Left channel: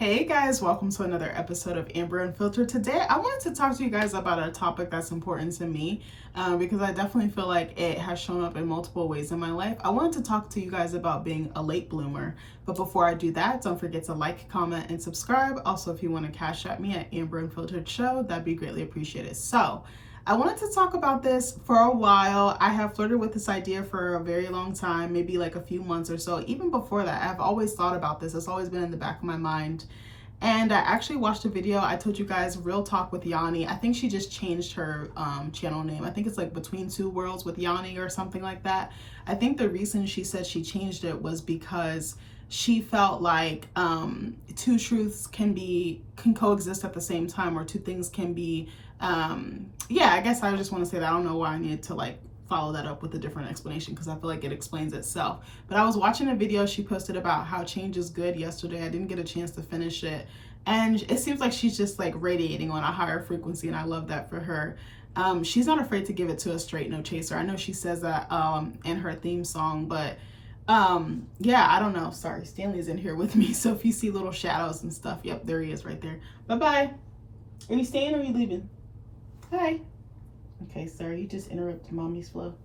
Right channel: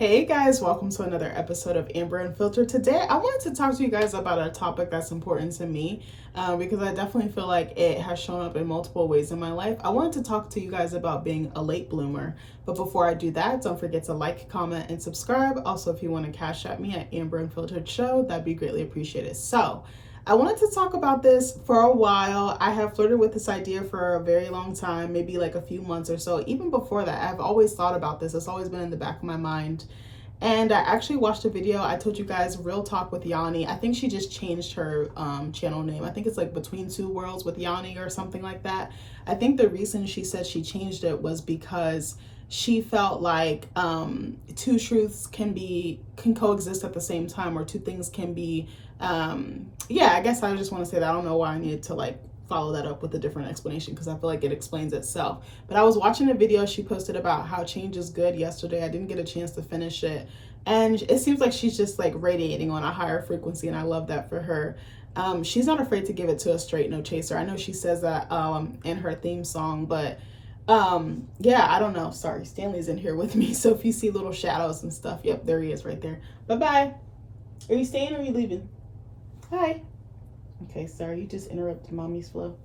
Hey guys, welcome to another episode of Amber Unfiltered. Today, I wanted to talk to you guys about a topic that's important to me because I definitely feel like it has shown up in multiple ways in my life. I wanted to talk to you guys about being a late bloomer. But before I do that, don't forget to like, comment, and subscribe. Also, if you want to cash at me at Amber Unfiltered Show, that'd be greatly appreciated. So, I wanted to talk about this for a while. I have flirted with this idea for a very long time, maybe like a few months or so. Even before that, I've always thought about this. It's always been in the back of my mind. And I actually watched a video. I told you guys, Real Talk with Yanni. I think she just changed her channel name. I think it's like Between Two Worlds with Yanni or something like that. I think the reason she said she changed it was because she felt like two truths can coexist at the same time, or two things can be I guess I just want to say that. I don't know why I needed to like follow that up with a different explanation because I feel like it explains itself. But I was watching a video she posted about how change is good yesterday. I didn't get a chance to finish it, and it seems like she's just like radiating on a higher frequency, and I love that for her. She's not afraid to give it to a straight no chaser. I know she says that in her theme song, but I don't know. Sorry, Stanley's in here with me, so if you see little shadows and stuff, yep, there he is right there. Bye-bye. Are you staying or are you leaving? Hi. Okay, sorry, you just interrupted mommy's flow.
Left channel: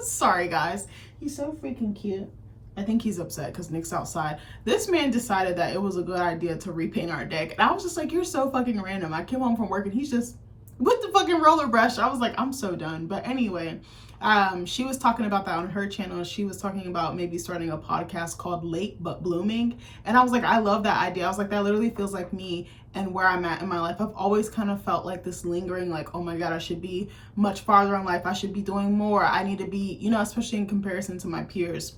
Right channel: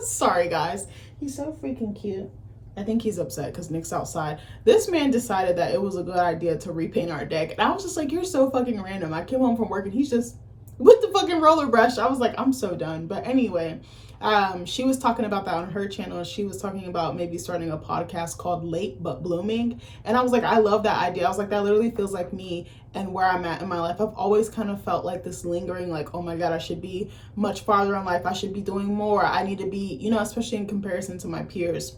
Sorry, guys. He's so freaking cute. I think he's upset because Nick's outside. This man decided that it was a good idea to repaint our deck. And I was just like, you're so fucking random. I came home from work and he's just with the fucking roller brush. I was like, I'm so done. But anyway, she was talking about that on her channel. She was talking about maybe starting a podcast called Late But Blooming. And I was like, I love that idea. I was like, that literally feels like me and where I'm at in my life. I've always kind of felt like this lingering, like, oh my God, I should be much farther in life. I should be doing more. I need to be, especially in comparison to my peers.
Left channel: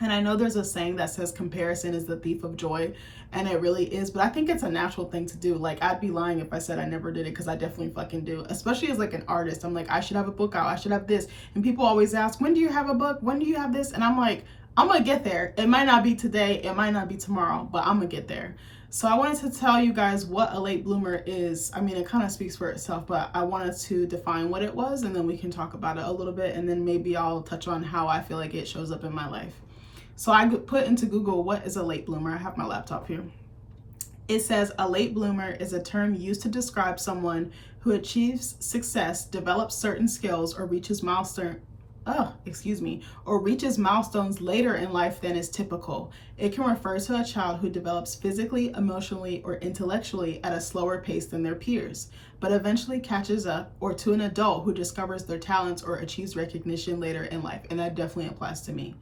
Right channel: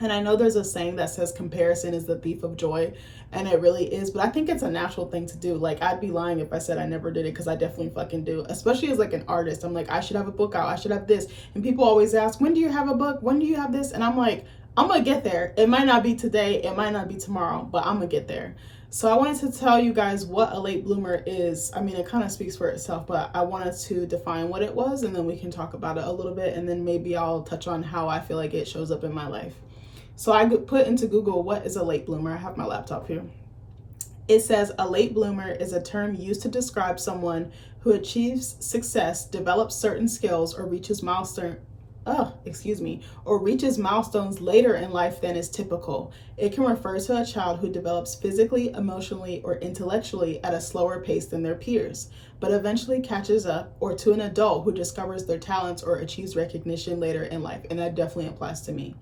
And I know there's a saying that says comparison is the thief of joy, and it really is, but I think it's a natural thing to do. Like, I'd be lying if I said I never did it, because I definitely fucking do, especially as like an artist. I'm like, I should have a book out, I should have this, and people always ask, when do you have a book, when do you have this? And I'm like, I'm gonna get there. It might not be today, it might not be tomorrow, but I'm gonna get there. So I wanted to tell you guys what a late bloomer is. I mean, it kind of speaks for itself, but I wanted to define what it was, and then we can talk about it a little bit, and then maybe I'll touch on how I feel like it shows up in my life. So I put into Google, what is a late bloomer? I have my laptop here. It says a late bloomer is a term used to describe someone who achieves success, develops certain skills, or reaches milestones later in life than is typical. It can refer to a child who develops physically, emotionally, or intellectually at a slower pace than their peers, but eventually catches up, or to an adult who discovers their talents or achieves recognition later in life. And that definitely applies to me.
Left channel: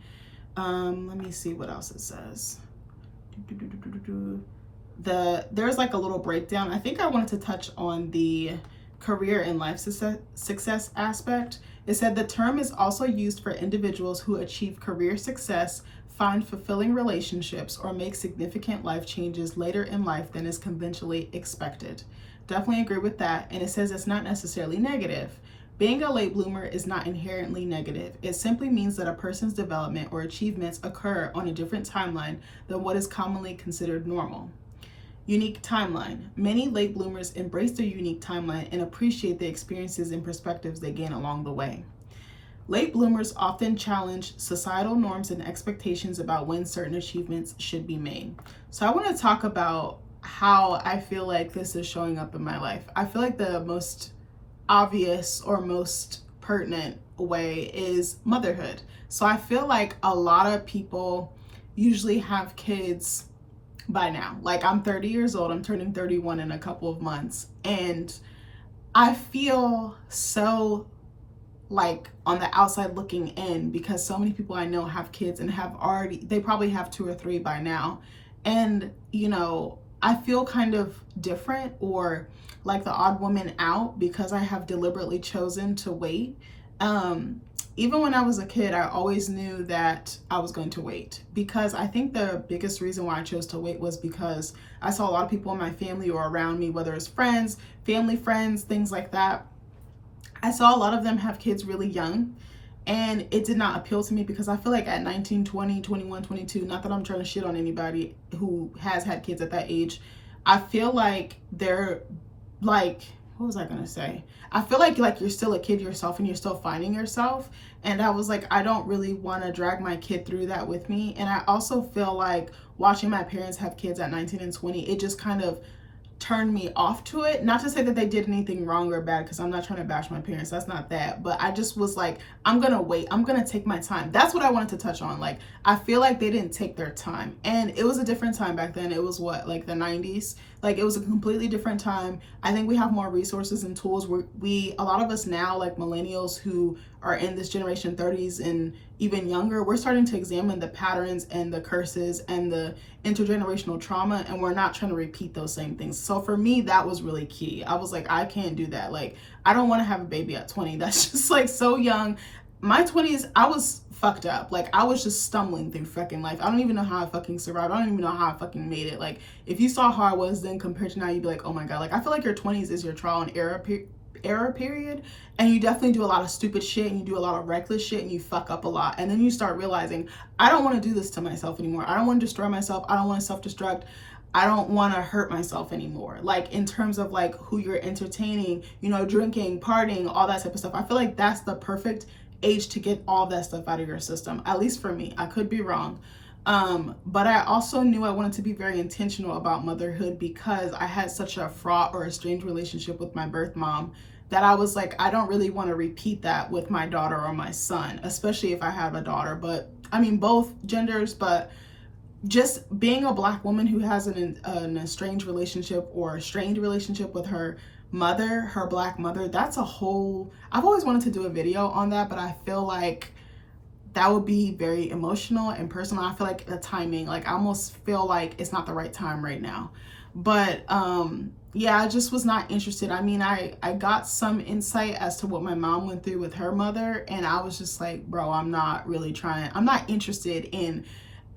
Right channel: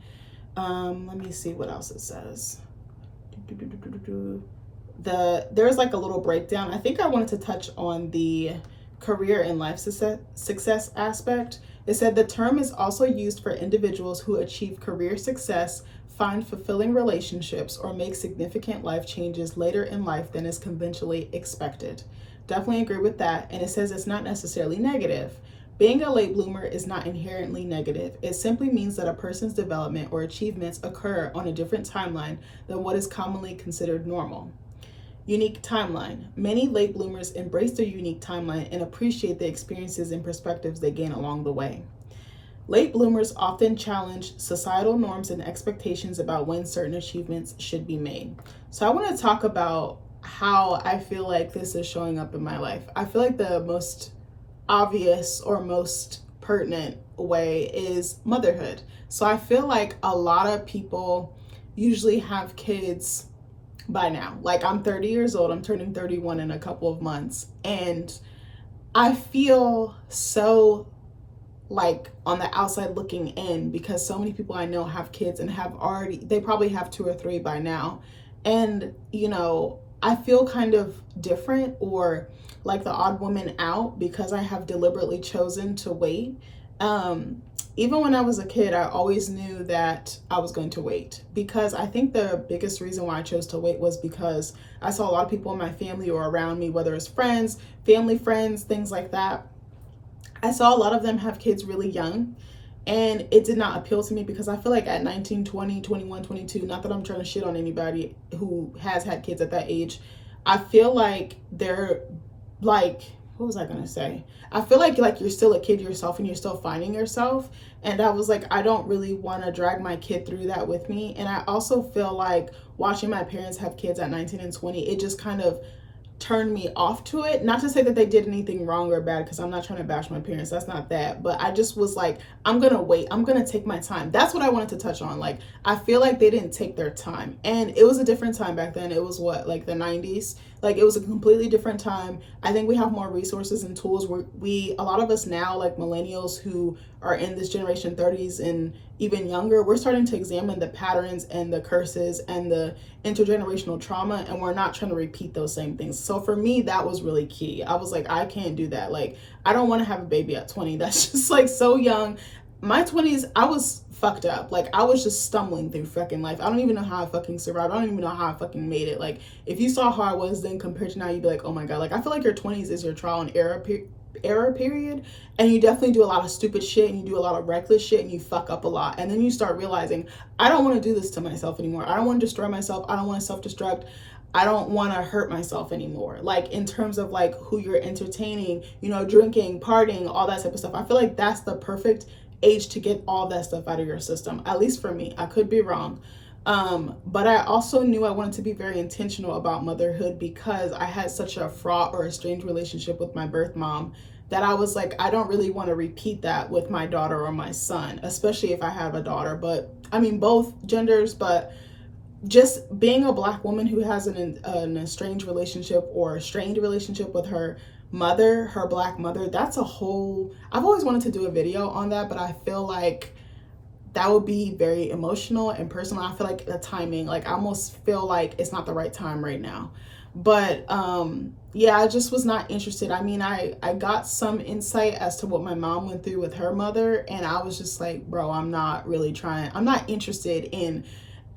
Let me see what else it says. There's like a little breakdown. I think I wanted to touch on the career and life success aspect. It said the term is also used for individuals who achieve career success, find fulfilling relationships, or make significant life changes later in life than is conventionally expected. Definitely agree with that. And it says it's not necessarily negative. Being a late bloomer is not inherently negative. It simply means that a person's development or achievements occur on a different timeline than what is commonly considered normal. Unique timeline. Many late bloomers embrace their unique timeline and appreciate the experiences and perspectives they gain along the way. Late bloomers often challenge societal norms and expectations about when certain achievements should be made. So I want to talk about how I feel like this is showing up in my life. I feel like the most obvious or most pertinent way is motherhood. So I feel like a lot of people usually have kids by now. Like, I'm 30 years old, I'm turning 31 in a couple of months, and I feel so like on the outside looking in because so many people I know have kids and they probably have 2 or 3 by now. And I feel kind of different, or like the odd woman out, because I have deliberately chosen to wait. Even when I was a kid, I always knew that I was going to wait, because I think the biggest reason why I chose to wait was because I saw a lot of people in my family or around me, whether it's friends, family friends, things like that. I saw a lot of them have kids really young, and it did not appeal to me because I feel like at 19, 20, 21, 22, not that I'm trying to shit on anybody who has had kids at that age, I feel like they're like what was I gonna say? I feel like you're still a kid yourself and you're still finding yourself. And I was like, I don't really want to drag my kid through that with me. And I also feel like watching my parents have kids at 19 and 20, it just kind of turned me off to it. Not to say that they did anything wrong or bad, because I'm not trying to bash my parents, that's not that, but I just was like, I'm gonna wait, I'm gonna take my time. That's what I wanted to touch on. Like, I feel like they didn't take their time, and it was a different time back then. It was what, like the 90s? Like, it was a completely different time. I think we have more resources and tools. A lot of us now, like millennials who are in this generation 30s and even younger, we're starting to examine the patterns and the curses and the intergenerational trauma, and we're not trying to repeat those same things. So for me, that was really key. I was like, I can't do that. Like, I don't want to have a baby at 20. That's just like so young. My 20s, I was fucked up. Like, I was just stumbling through fucking life. I don't even know how I fucking survived. I don't even know how I fucking made it. Like, if you saw how I was then compared to now, you'd be like, oh my God. Like, I feel like your 20s is your trial and error period, and you definitely do a lot of stupid shit and you do a lot of reckless shit and you fuck up a lot, and then you start realizing, I don't want to do this to myself anymore. I don't want to destroy myself. I don't want to self-destruct. I don't want to hurt myself anymore. Like, in terms of like who you're entertaining, you know, drinking, partying, all that type of stuff. I feel like that's the perfect age to get all that stuff out of your system, at least for me. I could be wrong. But I also knew I wanted to be very intentional about motherhood, because I had such a fraught or a strange relationship with my birth mom that I was like, I don't really want to repeat that with my daughter or my son, especially if I have a daughter. But I mean, both genders, but just being a Black woman who has an estranged relationship or a strained relationship with her mother, her Black mother, that's a whole, I've always wanted to do a video on that, but I feel like that would be very emotional and personal. I feel like the timing, like I almost feel like it's not the right time right now. But yeah, I just was not interested. I mean, I got some insight as to what my mom went through with her mother, and I was just like, bro, I'm not interested in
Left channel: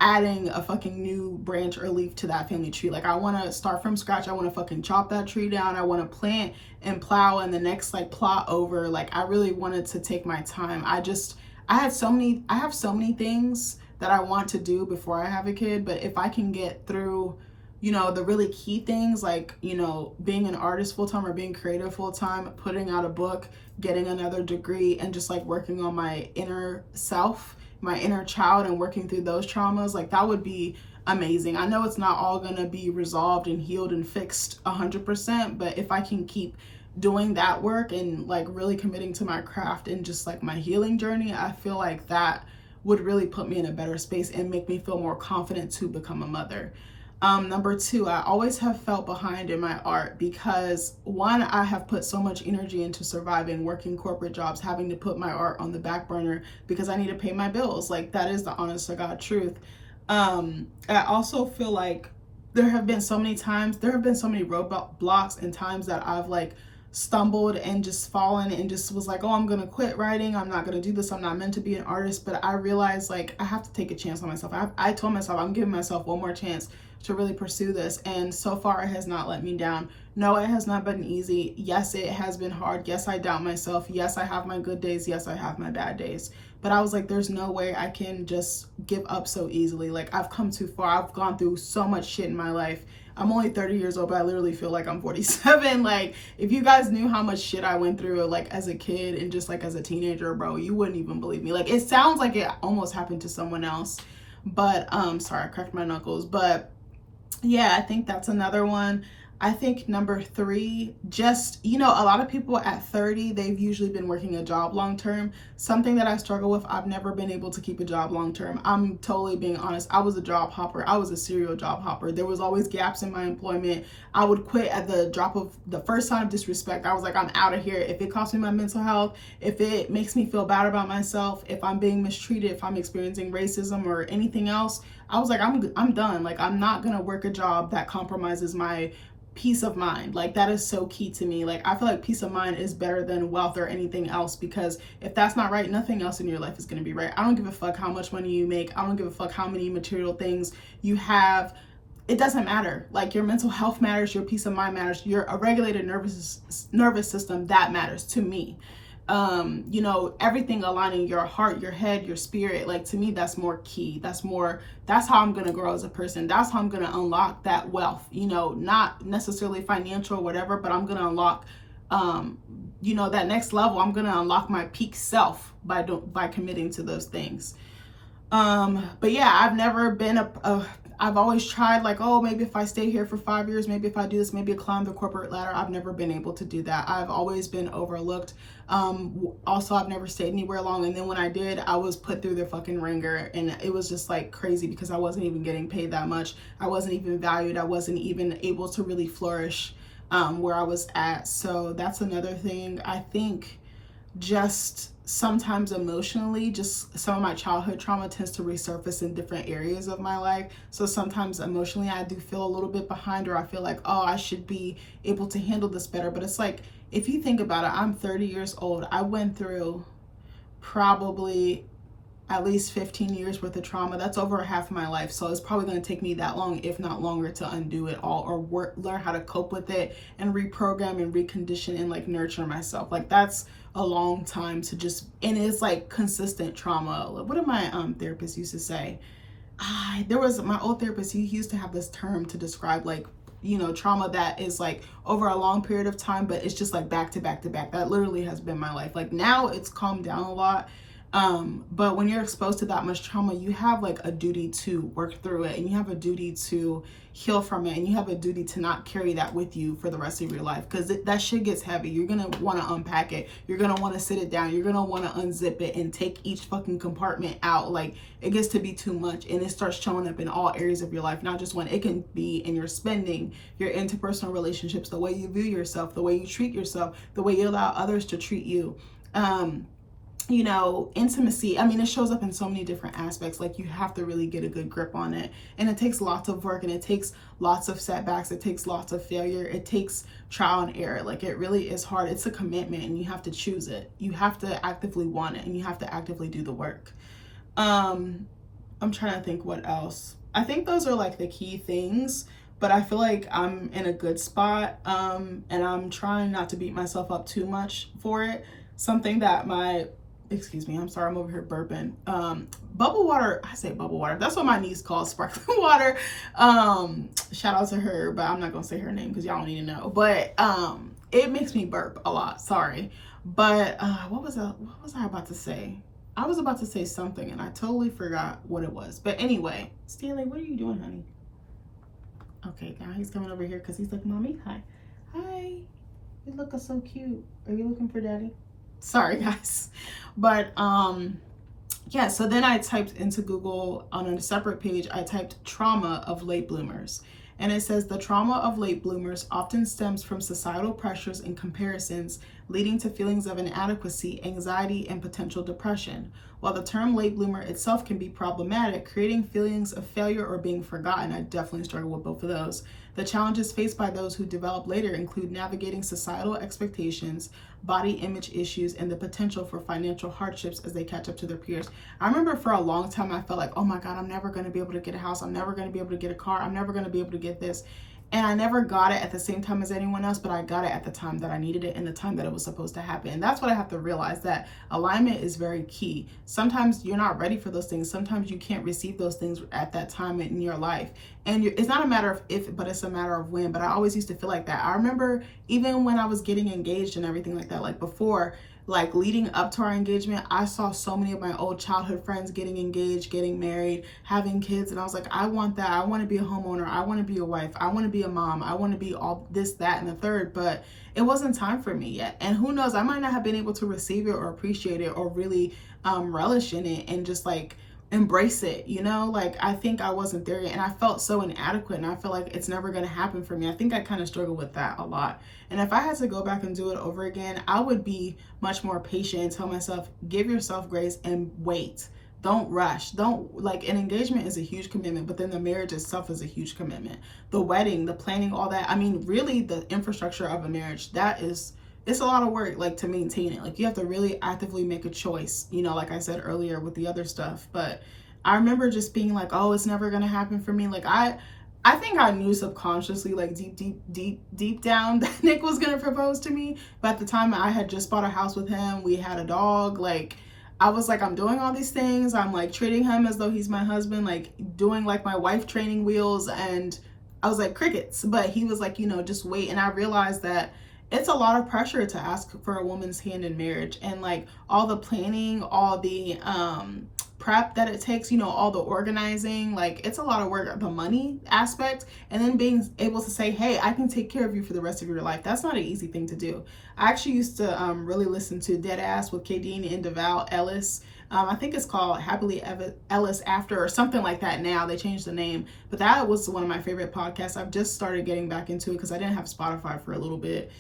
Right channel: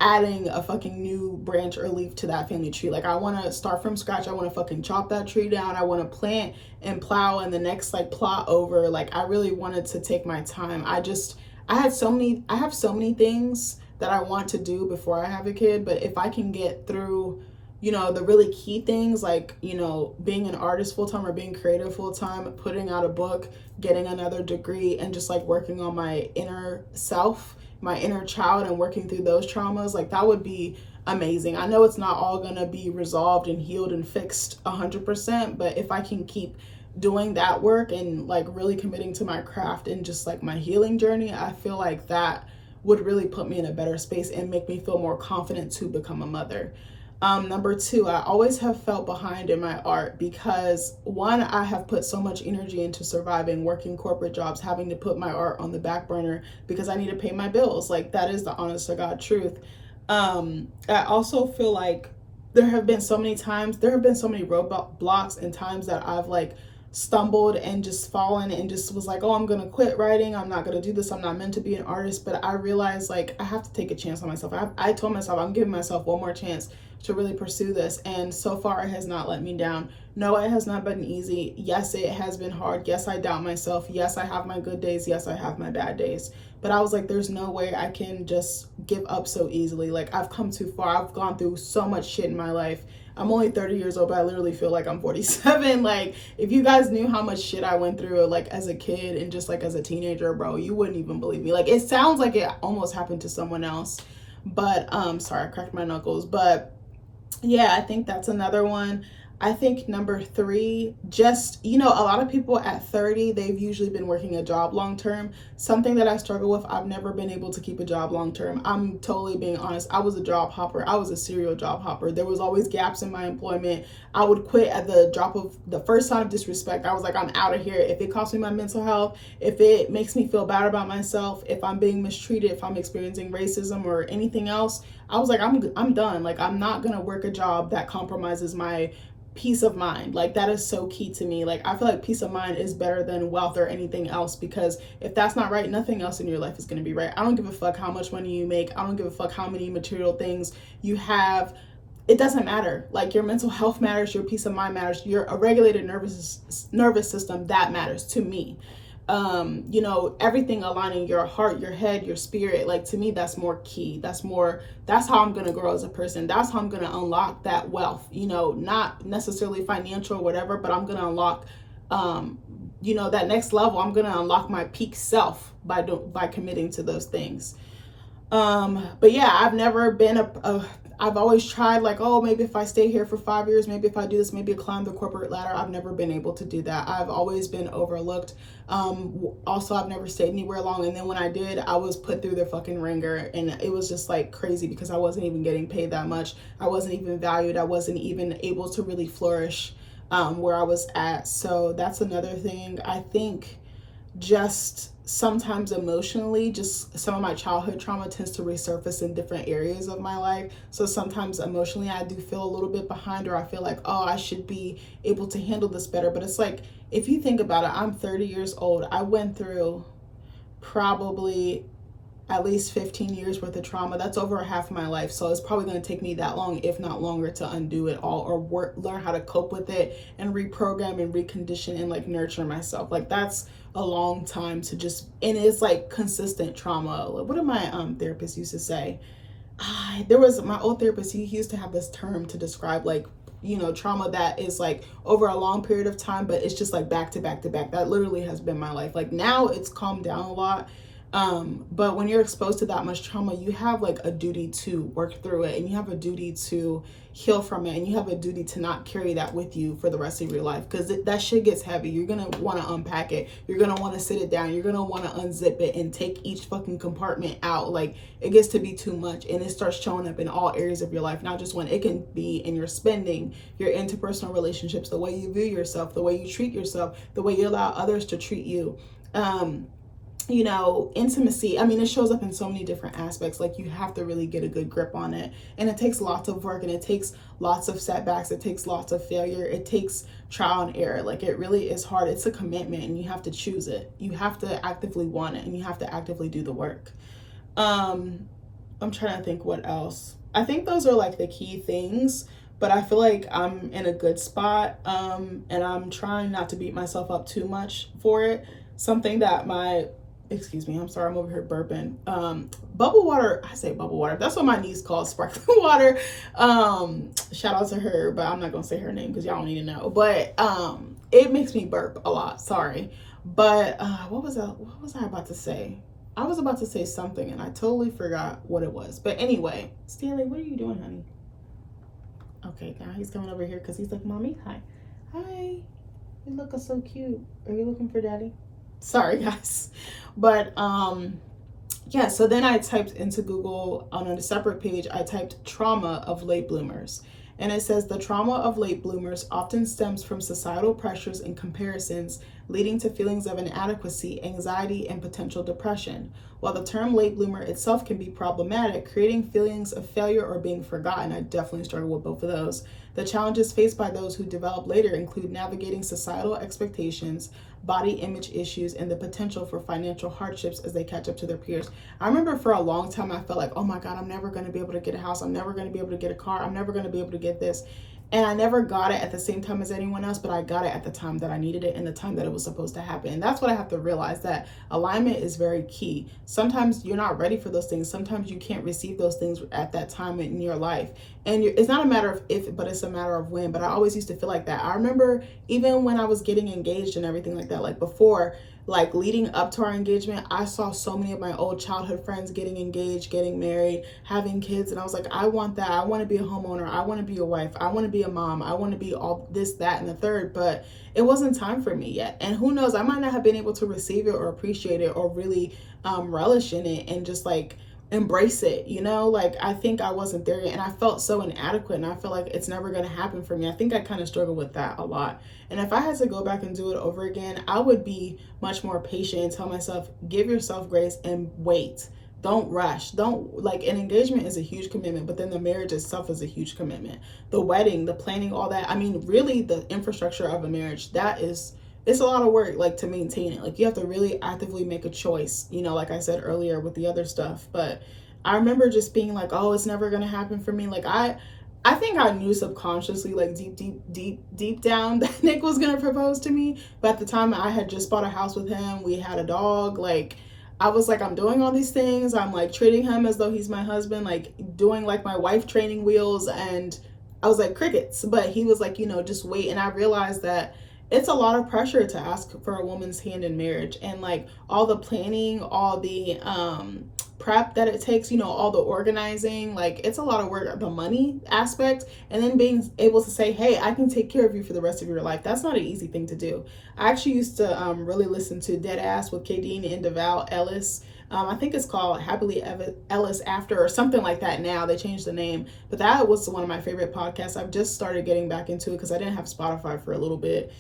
adding a fucking new branch or leaf to that family tree. Like, I want to start from scratch. I want to fucking chop that tree down. I want to plant and plow and the next like plot over. Like, I really wanted to take my time. I have so many things that I want to do before I have a kid, but if I can get through, you know, the really key things, like, you know, being an artist full-time or being creative full-time, putting out a book, getting another degree, and just like working on my inner self, my inner child, and working through those traumas, like that would be amazing. I know it's not all gonna be resolved and healed and fixed 100%, but if I can keep doing that work and like really committing to my craft and just like my healing journey, I feel like that would really put me in a better space and make me feel more confident to become a mother. Number two, I always have felt behind in my art because, one, I have put so much energy into surviving, working corporate jobs, having to put my art on the back burner because I need to pay my bills. Like, that is the honest to God truth. I also feel like there have been so many roadblocks and times that I've like stumbled and just fallen and just was like, oh, I'm gonna quit writing, I'm not gonna do this, I'm not meant to be an artist. But I realized like I have to take a chance on myself. I told myself I'm giving myself one more chance to really pursue this, and so far it has not let me down. No, it has not been easy. Yes, it has been hard. Yes, I doubt myself. Yes, I have my good days. Yes, I have my bad days. But I was like, there's no way I can just give up so easily. Like, I've come too far. I've gone through so much shit in my life. I'm only 30 years old, but I literally feel like I'm 47. Like, if you guys knew how much shit I went through, like, as a kid and just, like, as a teenager, bro, you wouldn't even believe me. Like, it sounds like it almost happened to someone else. But, sorry, I cracked my knuckles. But, yeah, I think that's another one. I think number three, just, you know, a lot of people at 30, they've usually been working a job long term. Something that I struggle with, I've never been able to keep a job long term. I'm totally being honest. I was a job hopper. I was a serial job hopper. There was always gaps in my employment. I would quit at the drop of the first sign of disrespect. I was like, I'm out of here. If it costs me my mental health, if it makes me feel bad about myself, if I'm being mistreated, if I'm experiencing racism or anything else, I was like, I'm done. Like, I'm not gonna work a job that compromises my peace of mind. Like, that is so key to me. Like, I feel like peace of mind is better than wealth or anything else, because if that's not right, nothing else in your life is going to be right. I don't give a fuck how much money you make. I don't give a fuck how many material things you have. It doesn't matter. Like, your mental health matters, your peace of mind matters, your a regulated nervous system, that matters to me. You know, everything aligning, your heart, your head, your spirit, like, to me, that's more key. That's how I'm going to grow as a person. That's how I'm going to unlock that wealth, you know, not necessarily financial or whatever, but I'm going to unlock that next level. I'm gonna unlock my peak self by committing to those things. But yeah, I've never been I've always tried, like, oh, maybe if I stay here for 5 years, maybe if I do this, maybe I climb the corporate ladder. I've never been able to do that. I've always been overlooked. Also, I've never stayed anywhere long. And then when I did, I was put through the fucking ringer, and it was just like crazy because I wasn't even getting paid that much. I wasn't even valued. I wasn't even able to really flourish where I was at. So that's another thing. I think just sometimes emotionally, just some of my childhood trauma tends to resurface in different areas of my life. So sometimes emotionally I do feel a little bit behind, or I feel like, oh, I should be able to handle this better. But it's like, if you think about it, I'm 30 years old. I went through probably at least 15 years worth of trauma. That's over half of my life. So it's probably going to take me that long, if not longer, to undo it all, or learn how to cope with it and reprogram and recondition and like nurture myself. Like that's a long time to just, and it's like consistent trauma. What did my therapist used to say? There was my old therapist, he used to have this term to describe like, trauma that is like over a long period of time, but it's just like back to back to back. That literally has been my life. Like now it's calmed down a lot. But when you're exposed to that much trauma, you have like a duty to work through it, and you have a duty to heal from it, and you have a duty to not carry that with you for the rest of your life, because that shit gets heavy. You're gonna want to unpack it. You're gonna want to sit it down. You're gonna want to unzip it and take each fucking compartment out. Like it gets to be too much, and it starts showing up in all areas of your life, not just one. It can be in your spending, your interpersonal relationships, the way you view yourself, the way you treat yourself, the way you allow others to treat you. Intimacy. I mean, it shows up in so many different aspects. Like you have to really get a good grip on it. And it takes lots of work, and it takes lots of setbacks. It takes lots of failure. It takes trial and error. Like it really is hard. It's a commitment, and you have to choose it. You have to actively want it, and you have to actively do the work. I'm trying to think what else. I think those are like the key things, but I feel like I'm in a good spot. And I'm trying not to beat myself up too much for it. Something that excuse me, I'm sorry, I'm over here burping. Bubble water, I say bubble water. That's what my niece calls sparkling water. Shout out to her, but I'm not gonna say her name because y'all don't need to know. But it makes me burp a lot, sorry. But what was I about to say? I was about to say something and I totally forgot what it was. But anyway, Stanley, what are you doing, honey? Okay, now he's coming over here because he's like, Mommy, hi. Hi, you looking so cute. Are you looking for daddy? Sorry guys. But yeah, so then I typed into Google on a separate page, I typed trauma of late bloomers. And it says the trauma of late bloomers often stems from societal pressures and comparisons, leading to feelings of inadequacy, anxiety, and potential depression. While the term late bloomer itself can be problematic, creating feelings of failure or being forgotten, I definitely struggle with both of those. The challenges faced by those who develop later include navigating societal expectations, body image issues, and the potential for financial hardships as they catch up to their peers. I remember for a long time I felt like, oh my God, I'm never going to be able to get a house. I'm never going to be able to get a car. I'm never going to be able to get this. And I never got it at the same time as anyone else, but I got it at the time that I needed it and the time that it was supposed to happen. And that's what I have to realize, that alignment is very key. Sometimes you're not ready for those things. Sometimes you can't receive those things at that time in your life. And it's not a matter of if, but it's a matter of when. But I always used to feel like that. I remember even when I was getting engaged and everything like that, like before, like leading up to our engagement, I saw so many of my old childhood friends getting engaged, getting married, having kids. And I was like, I want that. I want to be a homeowner. I want to be a wife. I want to be a mom. I want to be all this, that, and the third. But it wasn't time for me yet. And who knows, I might not have been able to receive it or appreciate it or really relish in it and just like embrace it, like I think I wasn't there yet, and I felt so inadequate, and I feel like it's never going to happen for me. I think I kind of struggle with that a lot. And if I had to go back and do it over again, I would be much more patient and tell myself, give yourself grace and wait. Don't rush. Don't, like, an engagement is a huge commitment, but then the marriage itself is a huge commitment. The wedding, the planning, all that. I mean, really the infrastructure of a marriage, it's a lot of work, like, to maintain it. Like, you have to really actively make a choice, like I said earlier with the other stuff. But I remember just being like, oh, it's never going to happen for me. Like, I think I knew subconsciously, like deep down, that Nick was going to propose to me. But at the time, I had just bought a house with him. We had a dog. Like, I was like, I'm doing all these things. I'm like treating him as though he's my husband, like doing like my wife training wheels. And I was like, crickets. But he was like, just wait. And I realized that it's a lot of pressure to ask for a woman's hand in marriage, and like all the planning, all the prep that it takes, you know, all the organizing, like it's a lot of work, the money aspect, and then being able to say, hey, I can take care of you for the rest of your life. That's not an easy thing to do. I actually used to really listen to Dead Ass with Kadeen and Deval Ellis. I think it's called Happily Ellis After or something like that now. They changed the name. But that was one of my favorite podcasts. I've just started getting back into it because I didn't have Spotify for a little bit.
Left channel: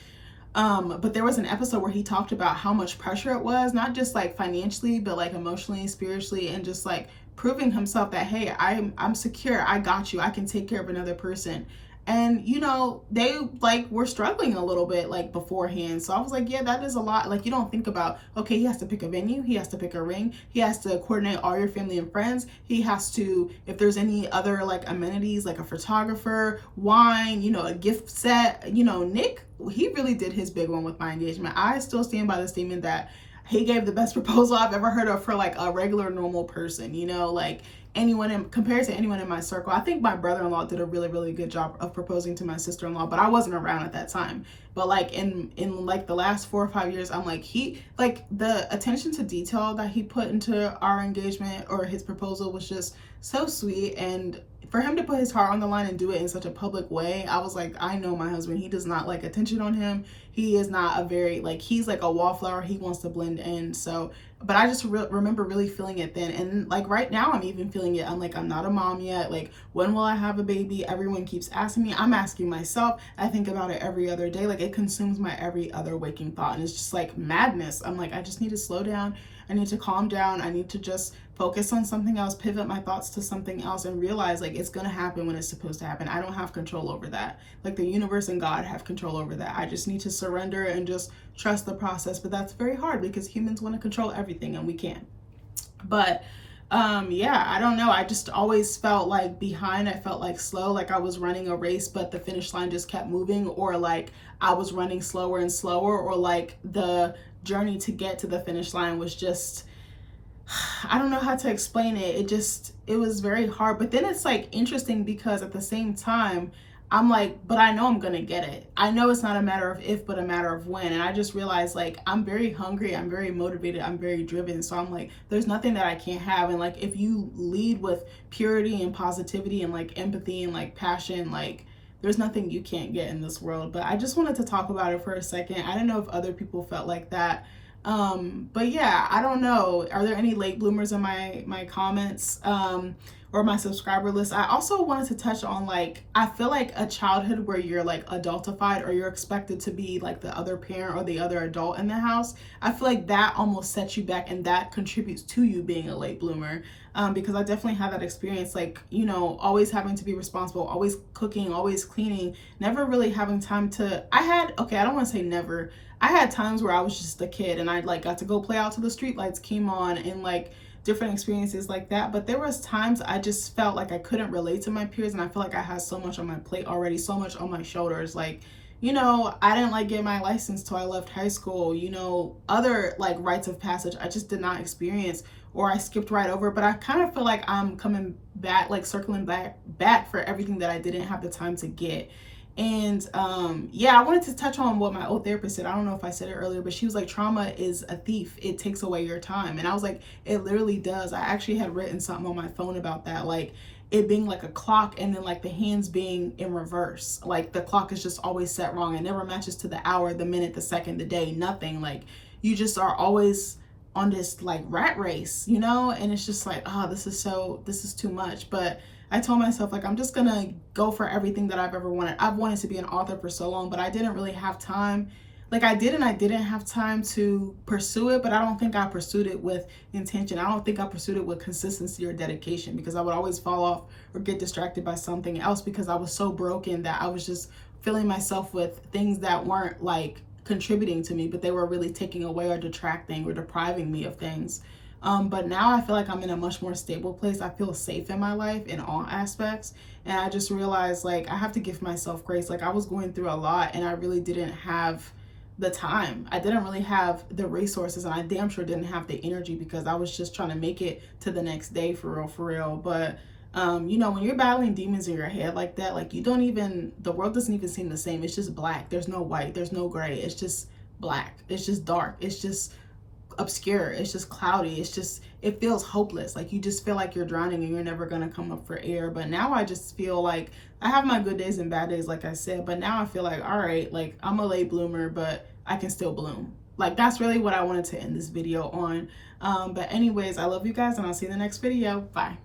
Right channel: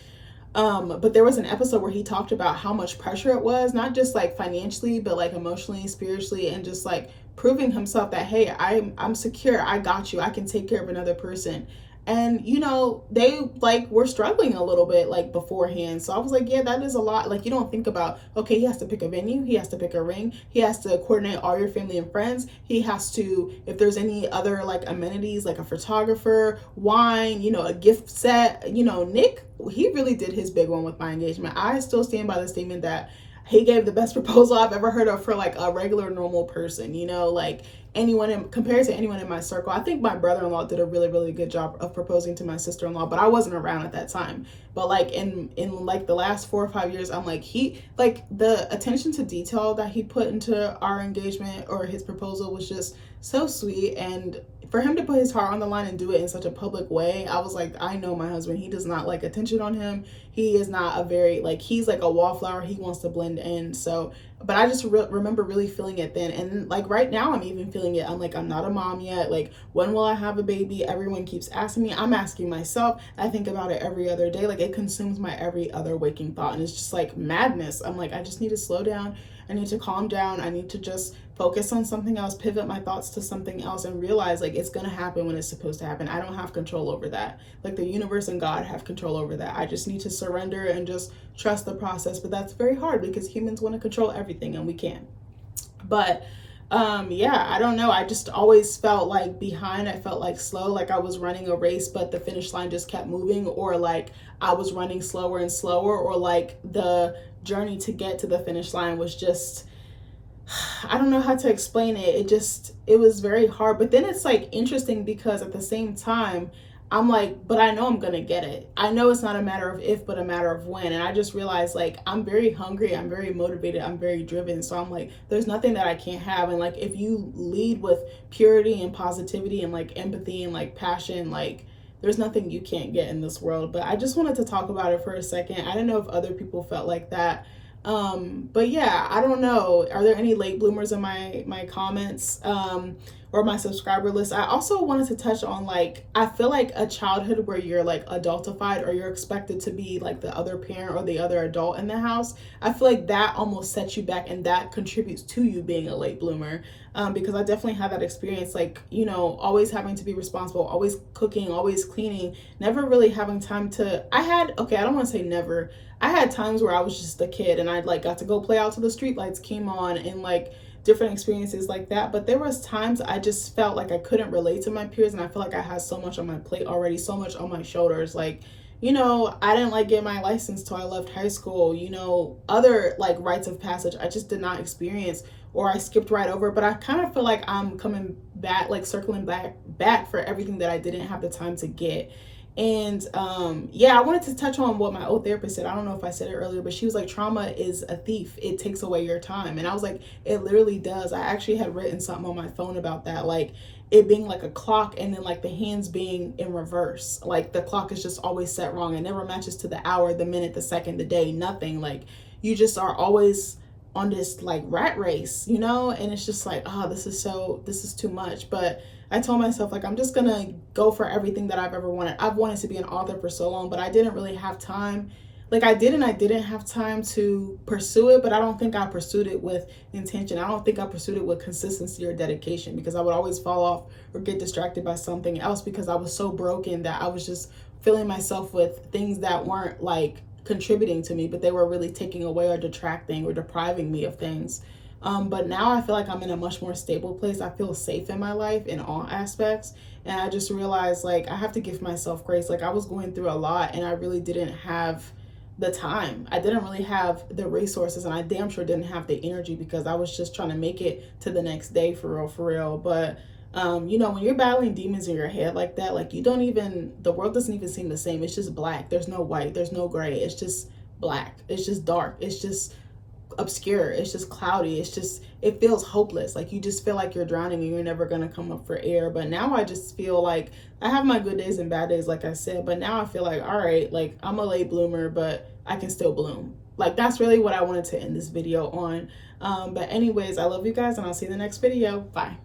But there was an episode where he talked about how much pressure it was, not just like financially, but like emotionally, spiritually, and just like proving himself that, hey, I'm secure. I got you. I can take care of another person. And you know, they like were struggling a little bit like beforehand. So I was like, yeah, that is a lot. Like, you don't think about, okay, he has to pick a venue, he has to pick a ring, he has to coordinate all your family and friends, he has to, if there's any other like amenities like a photographer, wine, you know, a gift set. You know, Nick, he really did his big one with my engagement. I still stand by the statement that he gave the best proposal I've ever heard of for like a regular normal person, you know, like anyone compared to anyone in my circle. I think my brother-in-law did a really good job of proposing to my sister-in-law, but I wasn't around at that time. But like in like the last 4 or 5 years, I'm like, he, like the attention to detail that he put into our engagement or his proposal was just so sweet. And for him to put his heart on the line and do it in such a public way, I was like, I know my husband, he does not like attention on him. He is not a very, like, he's like a wallflower. He wants to blend in. So, but I just remember really feeling it then. And like right now, I'm even feeling it. I'm like, I'm not a mom yet. Like, when will I have a baby? Everyone keeps asking me. I'm asking myself. I think about it every other day. Like, it consumes my every other waking thought. And it's just like madness. I'm like, I just need to slow down. I need to calm down. I need to just focus on something else, pivot my thoughts to something else, and realize like it's gonna happen when it's supposed to happen. I don't have control over that. Like, the universe and God have control over that. I just need to surrender and just trust the process. But that's very hard because humans want to control everything and we can't. But yeah, I don't know. I just always felt like behind. I felt like slow, like I was running a race, but the finish line just kept moving, or like I was running slower and slower, or like the journey to get to the finish line was just, I don't know how to explain it. It was very hard. But then it's like interesting because at the same time, I'm like, but I know I'm gonna get it. I know it's not a matter of if, but a matter of when. And I just realized like I'm very hungry, I'm very motivated, I'm very driven. So I'm like, there's nothing that I can't have. And like if you lead with purity and positivity and like empathy and like passion, like there's nothing you can't get in this world. But I just wanted to talk about it for a second. I don't know if other people felt like that. But yeah, I don't know. Are there any late bloomers in my comments? Or my subscriber list? I also wanted to touch on, like, I feel like a childhood where you're like adultified or you're expected to be like the other parent or the other adult in the house, I feel like that almost sets you back and that contributes to you being a late bloomer. Because I definitely had that experience, like, you know, always having to be responsible, always cooking, always cleaning, never really having time to, okay, I don't want to say never. I had times where I was just a kid and I like got to go play out till the street lights came on and like different experiences like that. But there was times I just felt like I couldn't relate to my peers, and I feel like I had so much on my plate already, so much on my shoulders. Like, you know, I didn't like get my license till I left high school. You know, other like rites of passage I just did not experience, or I skipped right over. But I kind of feel like I'm coming back, like circling back for everything that I didn't have the time to get. And yeah, I wanted to touch on what my old therapist said. I don't know if I said it earlier, but she was like, trauma is a thief. It takes away your time. And I was like, it literally does. I actually had written something on my phone about that, like it being like a clock and then like the hands being in reverse. Like the clock is just always set wrong. It never matches to the hour, the minute, the second, the day, nothing. Like you just are always on this like rat race, you know? And it's just like, oh, this is too much. But I told myself, like, I'm just gonna go for everything that I've ever wanted. I've wanted to be an author for so long, but I didn't really have time. Like I didn't have time to pursue it, but I don't think I pursued it with intention. I don't think I pursued it with consistency or dedication, because I would always fall off or get distracted by something else because I was so broken that I was just filling myself with things that weren't like contributing to me, but they were really taking away or detracting or depriving me of things. But now I feel like I'm in a much more stable place. I feel safe in my life in all aspects. And I just realized like I have to give myself grace. Like I was going through a lot and I really didn't have the time. I didn't really have the resources, and I damn sure didn't have the energy because I was just trying to make it to the next day for real. But You know, when you're battling demons in your head like that, like, you don't even, the world doesn't even seem the same. It's just black. There's no white, there's no gray. It's just black. It's just dark. It's just obscure. It's just cloudy. It's just, it feels hopeless. Like, you just feel like you're drowning and you're never going to come up for air. But now I just feel like I have my good days and bad days, like I said, but now I feel like, all right, like, I'm a late bloomer, but I can still bloom. Like, that's really what I wanted to end this video on. But anyways, I love you guys, and I'll see you in the next video. Bye.